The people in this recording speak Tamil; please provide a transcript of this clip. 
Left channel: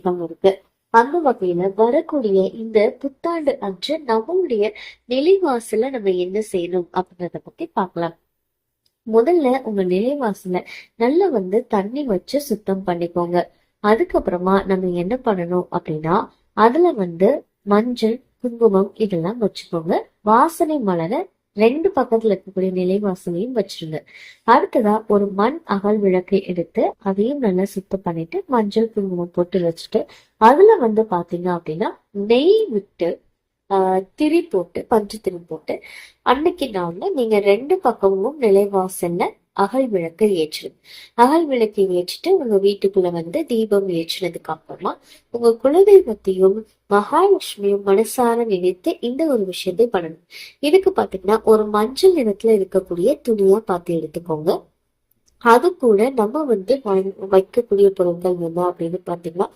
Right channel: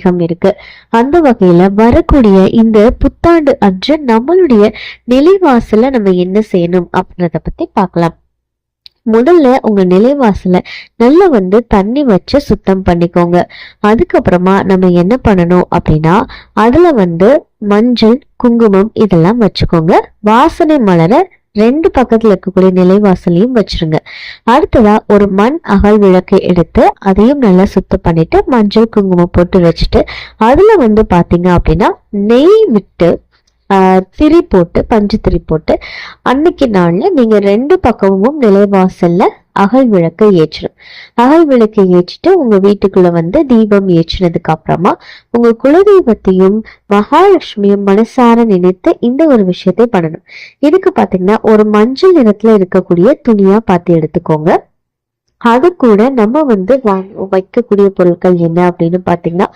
ஐதீகம் இருக்கு. அந்த வகையில வரக்கூடிய இந்த புத்தாண்டு அன்று நம்மளுடைய நிலைவாசல நம்ம என்ன செய்யணும் அப்படின்றத பத்தி பார்க்கலாம். முதல்ல உங்க நிலைவாசல நல்லா தண்ணி வச்சு சுத்தம் பண்ணிக்கோங்க. அதுக்கப்புறமா நம்ம என்ன பண்ணணும் அப்படின்னா, அதுல மஞ்சள், குங்குமம் இதெல்லாம் வச்சுக்கோங்க. வாசனை மலர 2 பக்கத்துல இருக்கக்கூடிய நிலைவாசலையும் வச்சிருங்க. அடுத்ததா ஒரு மண் அகல் விளக்கு எடுத்து அதையும் நல்லா சுத்தம் பண்ணிட்டு மஞ்சள், குங்குமம் போட்டு வச்சுட்டு அதுல பாத்தீங்க அப்படின்னா நெய் விட்டு திரி போட்டு, பஞ்சு திரி போட்டு அன்னைக்கு நாள்ல நீங்க 2 பக்கமும் நிலைவாசல்ல அகல் விளக்கை ஏற்றணும். அகல் விளக்கை ஏற்றிட்டு உங்க வீட்டுக்குள்ள தீபம் ஏற்றினதுக்கு அப்புறமா உங்க குலதெய்வத்தையும் மகாலட்சுமியும் மனசார நினைத்து இந்த ஒரு விஷயத்தை பண்ணணும். இதுக்கு பாத்தீங்கன்னா ஒரு மஞ்சள் நிறத்துல இருக்கக்கூடிய துணியா பார்த்து எடுத்துக்கோங்க. அது கூட நம்ம வைக்கக்கூடிய பொருட்கள் என்ன அப்படின்னு பாத்தீங்கன்னா